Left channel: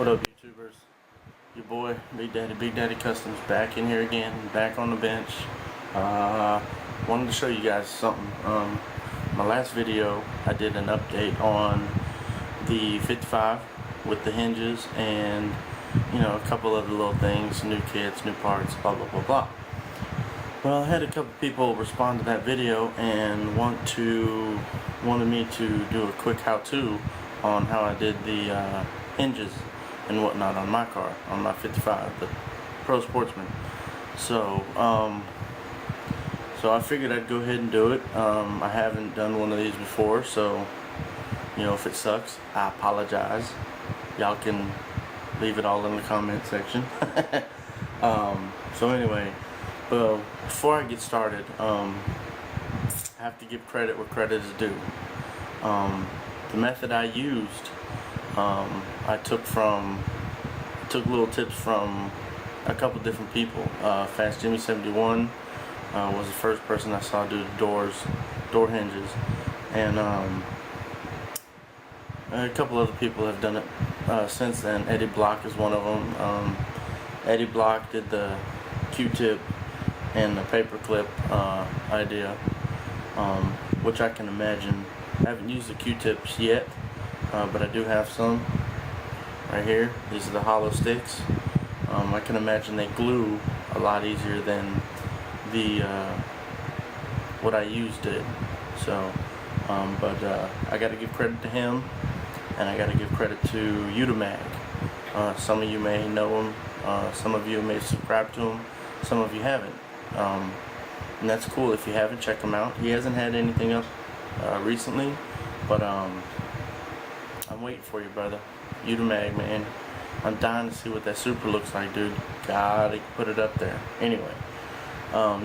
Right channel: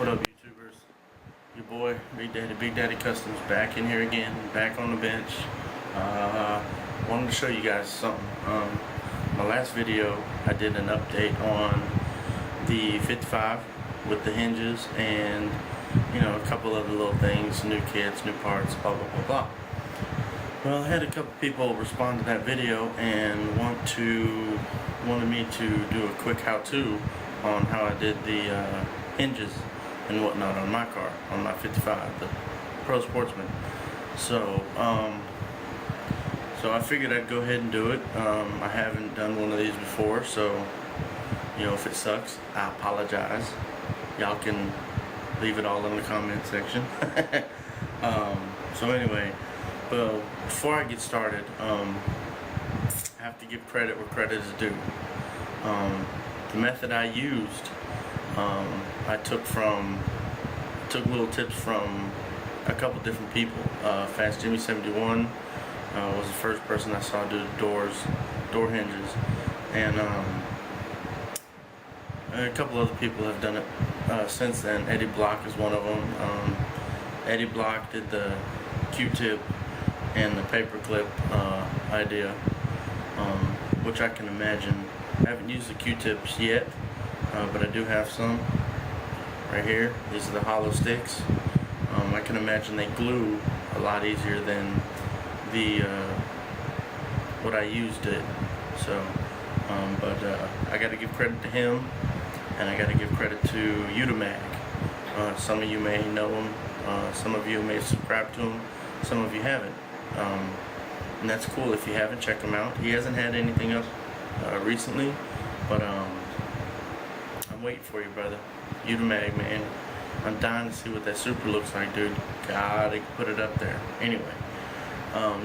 What up, YouTubers? Your boy, Big Daddy Customs, back in here again, back on the bench. Wanted to show you guys something. My last video, I did an update on the 55 with the hinges and, you know, a couple other little things, new kits, new parts, blah, blah, blah, blah. Well, I had a couple people respond to that video and wanted me to do a quick how-to on how I did the hinges and whatnot on my car, on my 55, the Pro Sportsman. So I figured I'd go ahead and do it. I haven't done one of these before, so, you know, if it sucks, I apologize. Y'all can leave it all in the comment section. So anyway, well, before I get started, I have to give credit where credit is due. The method I used, I took little tips from a couple different people. Fast Jimmy 71 was the first person I saw do the door hinges, and a couple other people have done it since then. Eddie Block is one of them. Eddie Block did the Q-tip and the paperclip idea, which I can imagine. I haven't used the Q-tips yet, but I do have some right here. These are the hollow sticks. I can imagine they glue a lot easier than the what I used did. So, but I got to give credit to him, and I got to give credit to Utamag. Some of you may know him. Some of you may have subscribed to him. Some of you haven't. And that's cool. If you haven't, check him out. He hasn't had anything up recently, but I'm waiting for you, brother. Utamag, man. I'm dying to see what that super looks like, dude. God, they put it up there. Anyway,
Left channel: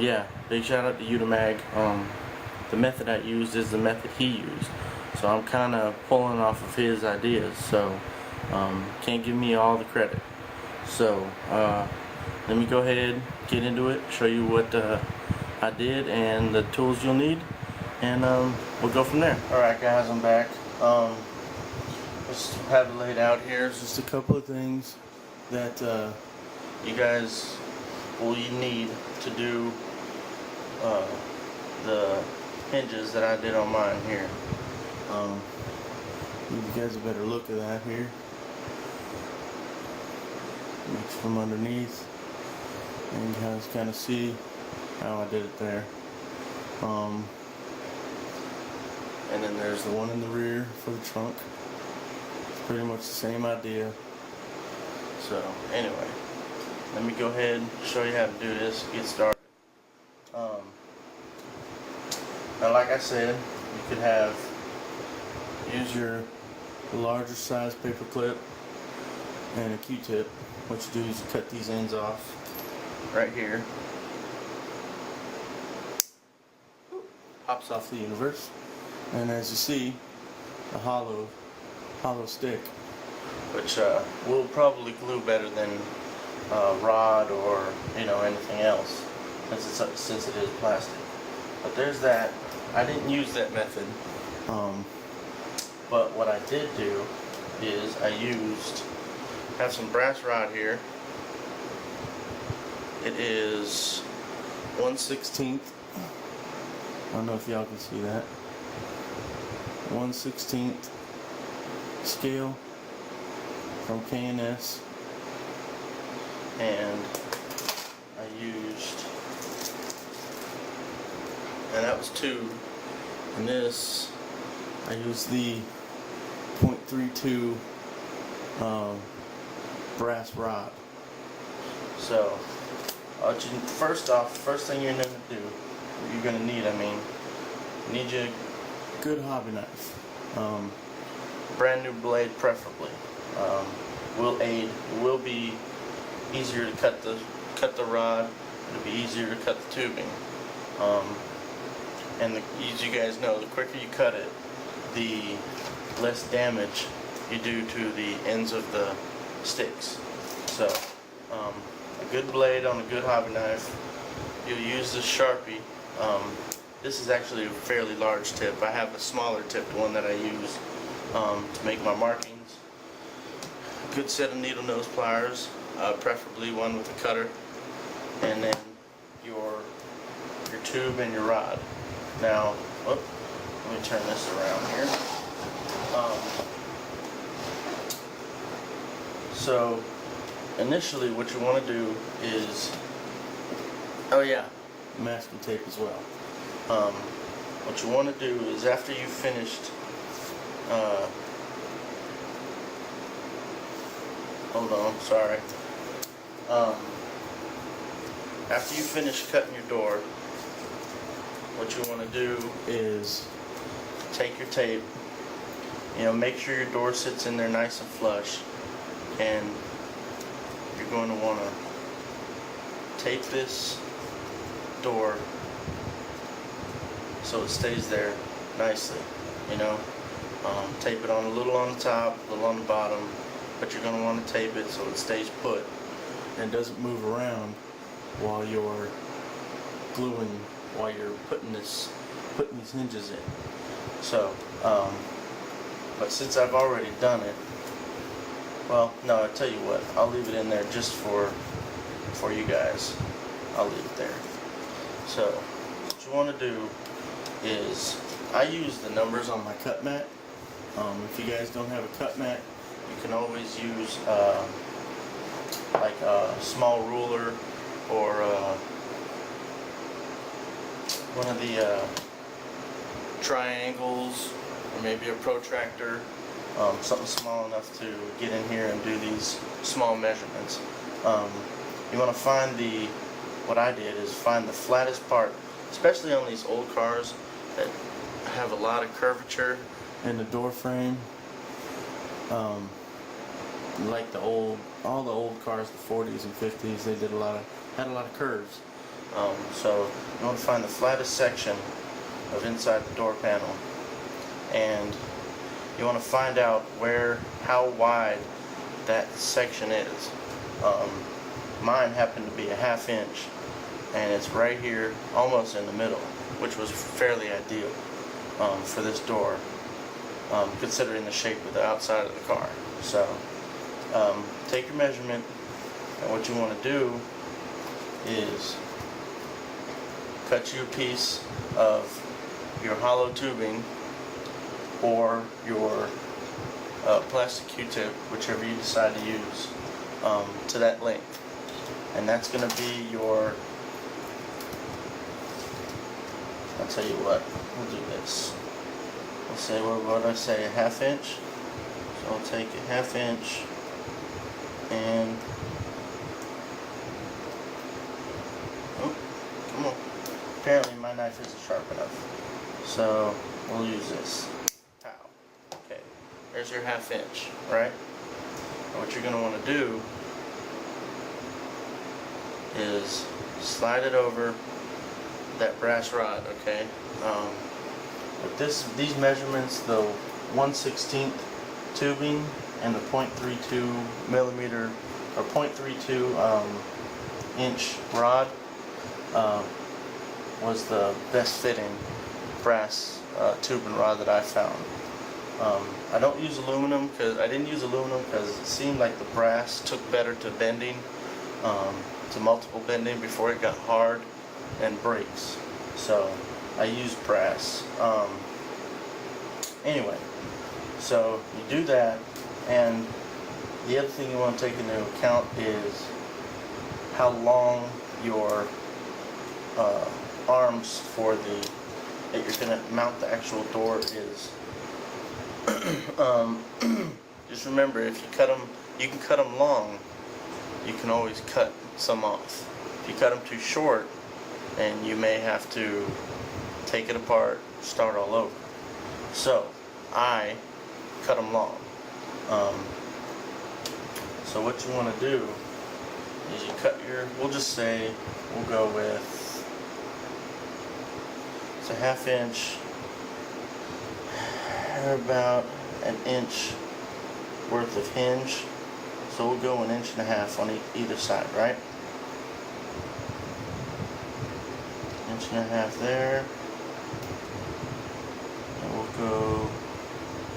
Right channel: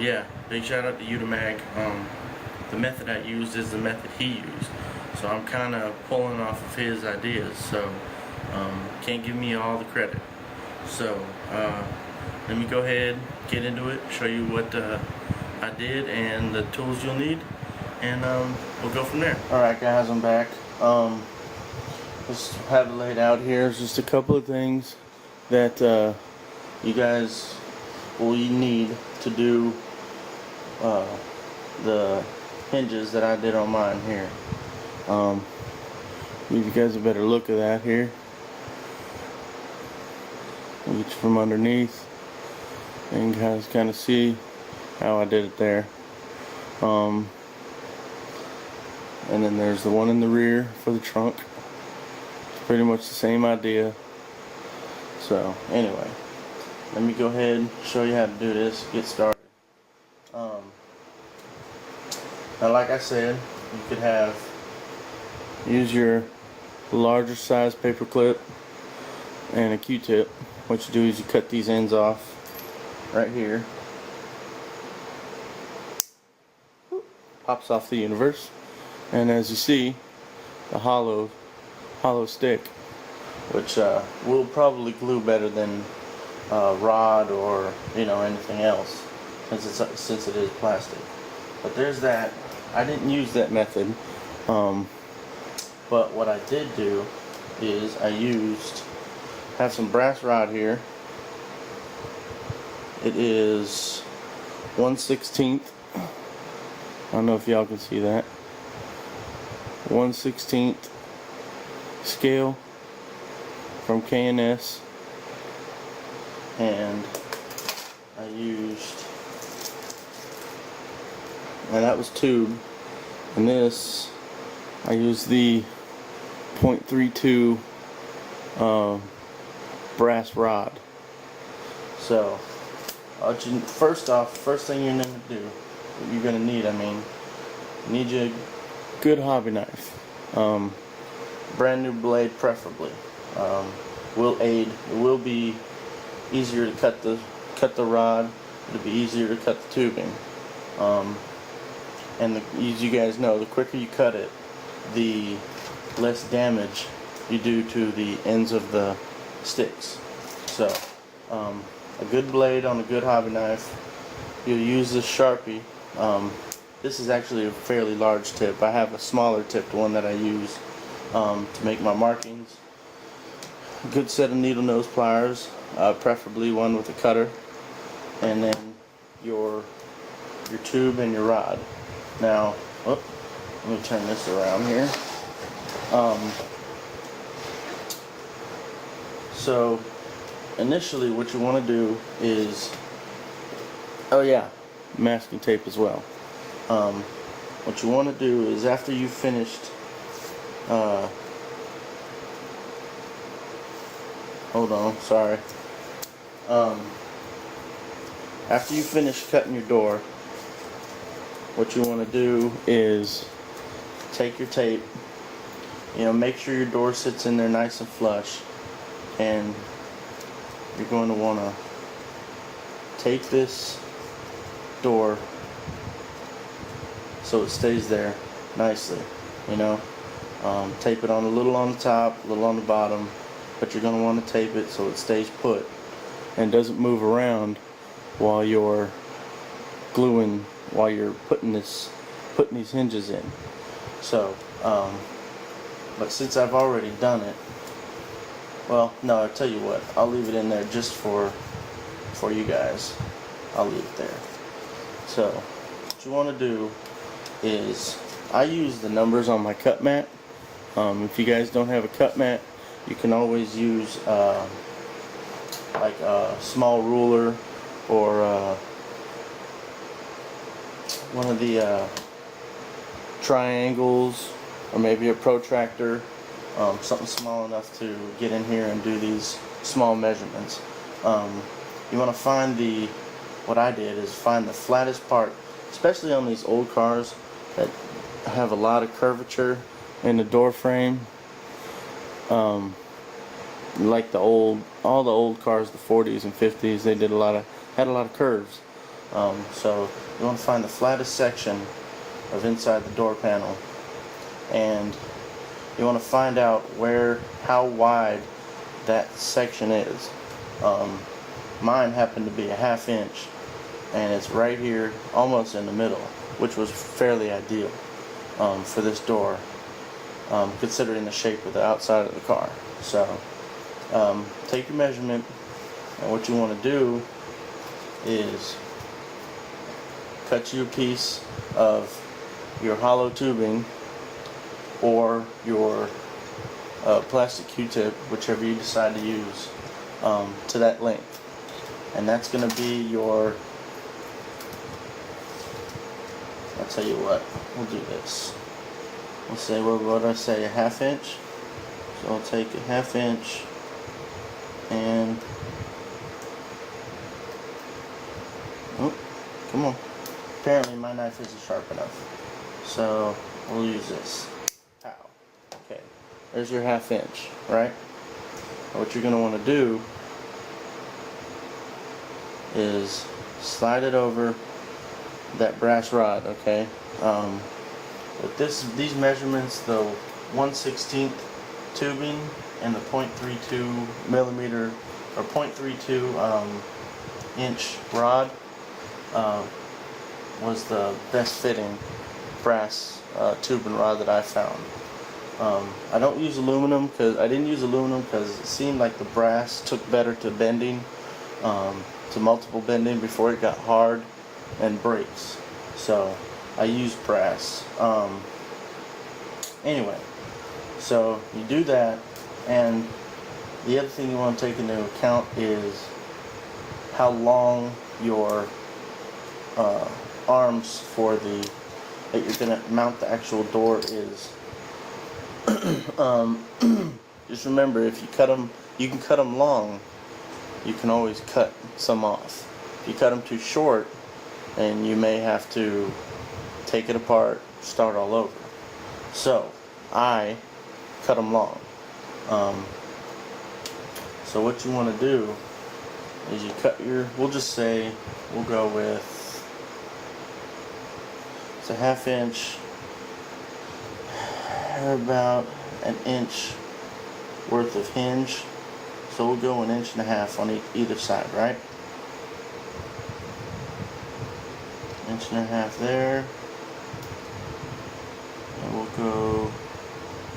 yeah, big shout out to Utamag. The method I used is the method he used, so I'm kind of pulling off of his ideas. So can't give me all the credit. So let me go ahead, get into it, show you what I did and the tools you'll need, and we'll go from there. Alright guys, I'm back. Let's have it laid out here. There's just a couple of things that you guys will need to do the hinges that I did on mine here. You guys a better look at that here. Each from underneath, and you guys kind of see how I did it there. And then there's the one in the rear for the trunk. It's pretty much the same idea. So anyway, let me go ahead and show you how to do this, get started. Now like I said, you could use your larger size paper clip and a Q-tip. What you do is you cut these ends off right here. Pops off the universe, and as you see, the hollow stick, which will probably glue better than rod or, you know, anything else, since it is plastic. But there's that. I didn't use that method, but what I did do is I have some brass rod here. It is 1/16. I don't know if y'all can see that. 1/16 scale from K&S, and I used, and that was tube, and this I used the .32 brass rod. So first thing you're gonna need, you need your good hobby knife. Brand new blade preferably. Will aid. It will be easier to cut the rod. It'll be easier to cut the tubing. And as you guys know, the quicker you cut it, the less damage you do to the ends of the sticks. So a good blade on a good hobby knife. You'll use the Sharpie. This is actually a fairly large tip. I have a smaller tip, the one that I use to make my markings. a good set of needle nose pliers, preferably one with a cutter, and then your tube and your rod. Now, let me turn this around here. So initially what you want to do is, masking tape as well. What you want to do is, after you've finished, hold on, sorry. After you finish cutting your door, what you want to do is take your tape, make sure your door sits in there nice and flush, and you're going to want to tape this door so it stays there nicely, tape it on a little on the top, a little on the bottom, but you're going to want to tape it so it stays put and doesn't move around while you're putting these hinges in. So, but since I've already done it, well, no, I'll tell you what, I'll leave it in there just for you guys. I'll leave it there. So, what you want to do is, I use the numbers on my cut mat. If you guys don't have a cut mat, you can always use like a small ruler, or one of the triangles, or maybe a protractor, something small enough to get in here and do these small measurements. You want to find what I did is find the flattest part, especially on these old cars that have a lot of curvature in the door frame. Like all the old cars, the 40s and 50s, they had a lot of curves. So you want to find the flattest section of inside the door panel, and you want to find out how wide that section is. Mine happened to be a 1/2 inch, and it's right here, almost in the middle, which was fairly ideal for this door, considering the shape of the outside of the car. So take your measurement, and what you want to do is cut you a piece of your hollow tubing, or your plastic Q-tip, whichever you decide to use, to that length. And that's going to be your, I'll tell you what, we'll do this. We'll say, what did I say, a 1/2 inch? So I'll take a 1/2 inch, and, oh, come on. Apparently my knife isn't sharp enough. So we'll use this. Pow. Okay. There's your 1/2 inch, right? What you're going to want to do is slide it over that brass rod, okay? With these measurements, the 1/16 tubing and the 0.32 millimeter or 0.32 inch rod was the best fitting brass tube and rod that I found. I don't use aluminum, I didn't use aluminum because it seemed like the brass took better to bending, to multiple bending before it got hard and breaks. So I used brass. Anyway, so you do that, and the other thing you want to take into account is how long your arms that you're going to mount the actual door is. Just remember, if you cut them, you can cut them long, you can always cut some off. If you cut them too short, and you may have to take it apart, start all over. So I cut them long. So what you want to do is you cut we'll just say, we'll go with, it's a 1/2 inch, about an inch worth of hinge. So we'll go 1.5 inches on either side, right? 1.5 inches there, and we'll go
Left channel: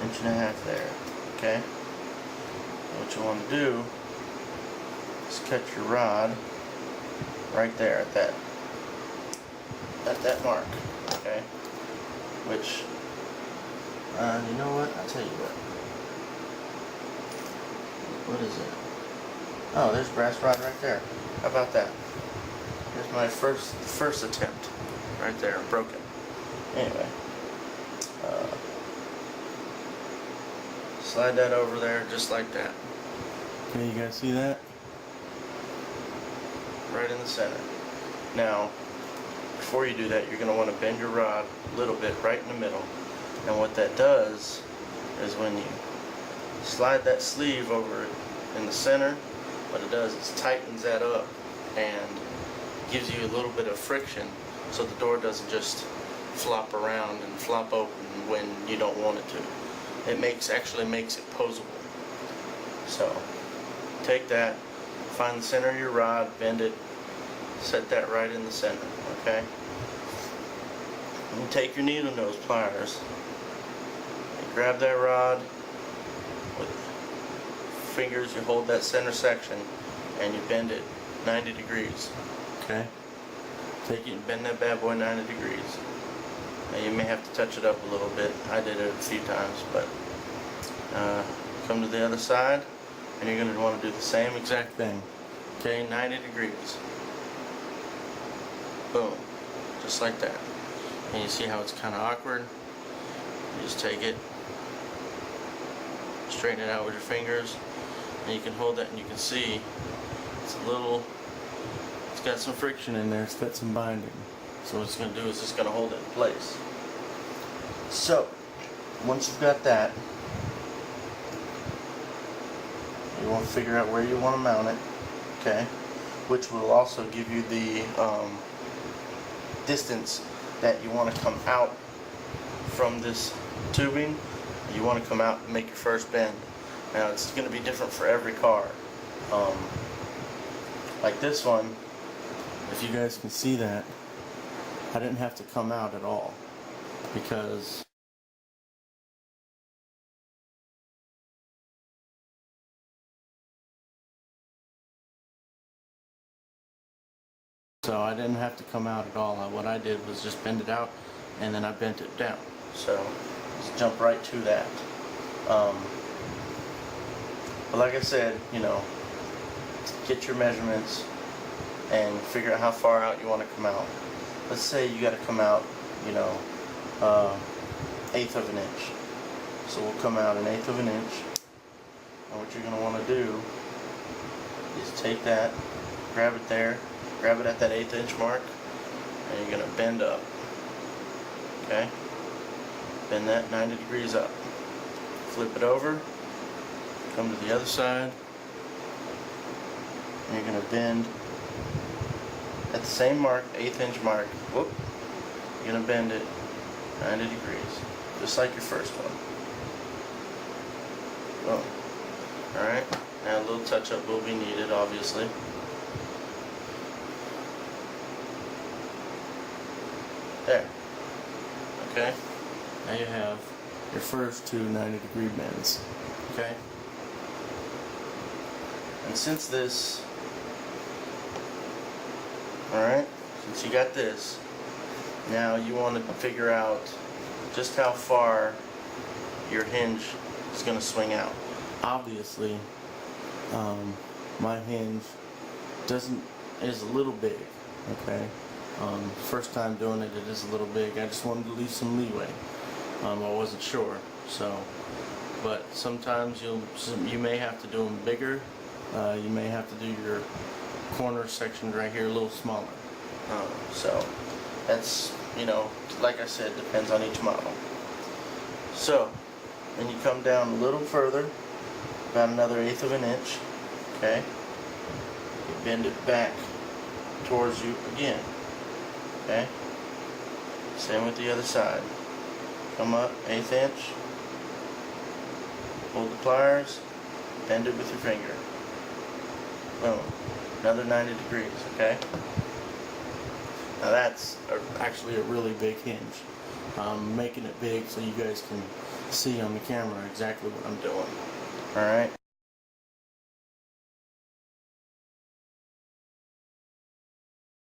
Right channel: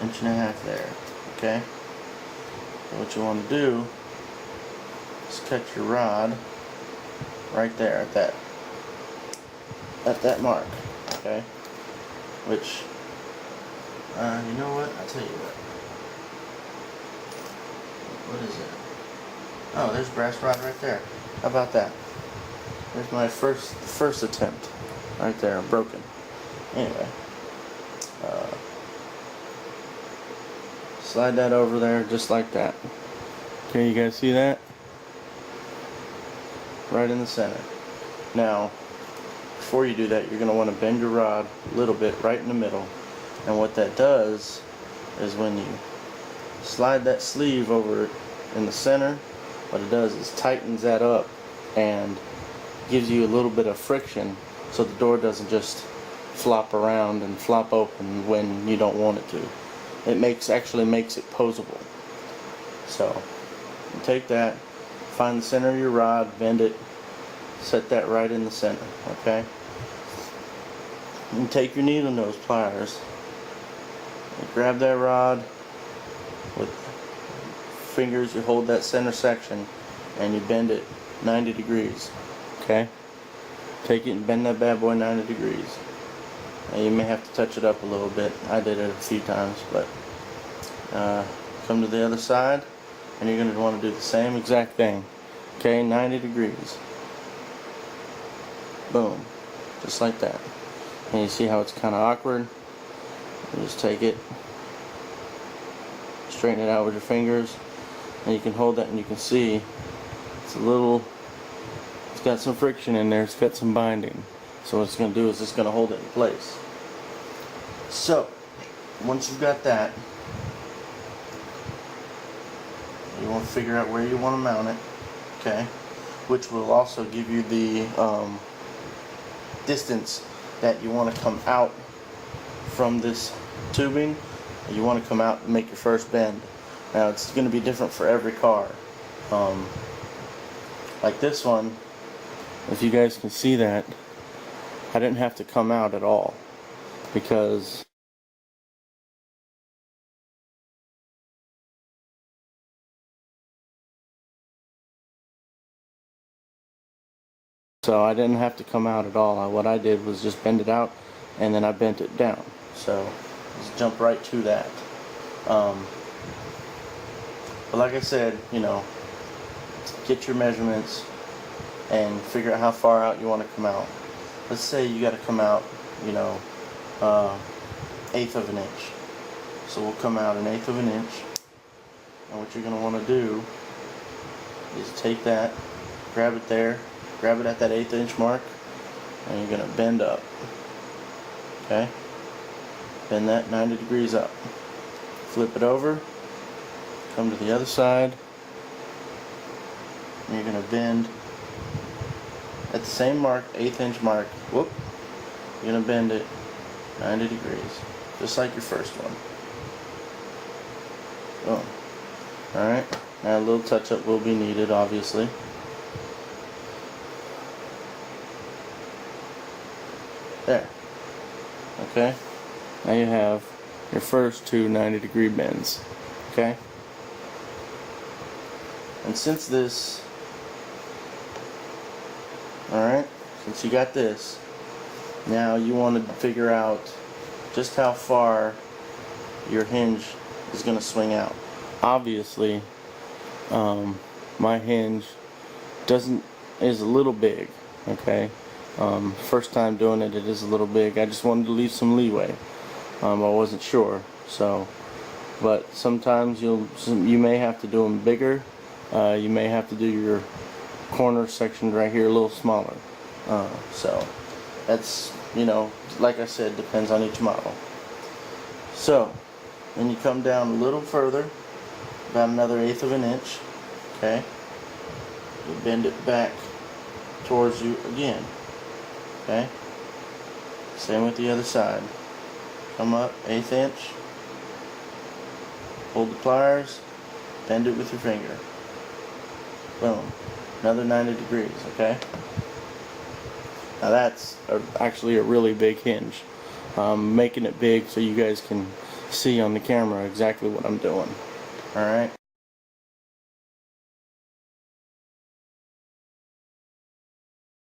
1.5 inches there. Okay. So what you want to do is cut your rod right there at that mark, okay? Which, you know what? I'll tell you what is it? Oh, there's brass rod right there. How about that? There's my first attempt right there, broken. Anyway, slide that over there just like that. Okay, you guys see that? Right in the center. Now, before you do that, you're going to want to bend your rod a little bit right in the middle. And what that does is when you slide that sleeve over in the center, what it does is tightens that up and gives you a little bit of friction so the door doesn't just flop around and flop open when you don't want it to. It actually makes it posable. So you take that, find the center of your rod, bend it, set that right in the center, okay? And take your needle nose pliers and grab that rod with fingers. You hold that center section and you bend it 90 degrees, okay? Take it and bend that bad boy 90 degrees. Now you may have to touch it up a little bit. I did it a few times, but come to the other side and you're going to want to do the same exact thing, okay? 90 degrees. Boom, just like that. And you see how it's kind of awkward? You just take it, straighten it out with your fingers, and you can hold that and you can see it's got some friction in there, it's got some binding. So what it's going to do is it's going to hold it in place. So, once you've got that, you want to figure out where you want to mount it, okay? Which will also give you the distance that you want to come out from this tubing. You want to come out and make your first bend. Now it's going to be different for every car. Like this one, if you guys can see that, I didn't have to come out at all because I didn't have to come out at all. What I did was just bend it out and then I bent it down. So just jump right to that. But like I said, you know, get your measurements and figure out how far out you want to come out. Let's say you got to come out, you know, 1/8 of an inch. So we'll come out 1/8 of an inch. And what you're going to want to do is take that, grab it there, grab it at that 1/8 inch mark, and you're going to bend up. Okay? Bend that 90 degrees up. Flip it over, come to the other side, and you're going to bend at the same mark, 1/8 inch mark. Whoop! You're going to bend it 90 degrees, just like your first one. Oh. Alright, now a little touch up will be needed, obviously. There. Okay? Now you have your first two 90-degree bends. Okay? And since this, alright, since you got this, now you want to figure out just how far your hinge is going to swing out. Obviously, my hinge is a little big, okay? First time doing it, it is a little big. I just wanted to leave some leeway. I wasn't sure, so. But sometimes you may have to do them bigger. You may have to do your corner section right here a little smaller. So that's, you know, like I said, depends on each model. So then you come down a little further, about another 1/8 of an inch. Okay, you bend it back towards you again. Okay, same with the other side. Come up 1/8 inch, hold the pliers, bend it with your finger. Boom, another 90 degrees. Okay, now that's actually a really big hinge. I'm making it big so you guys can see on the camera exactly what I'm doing. Alright.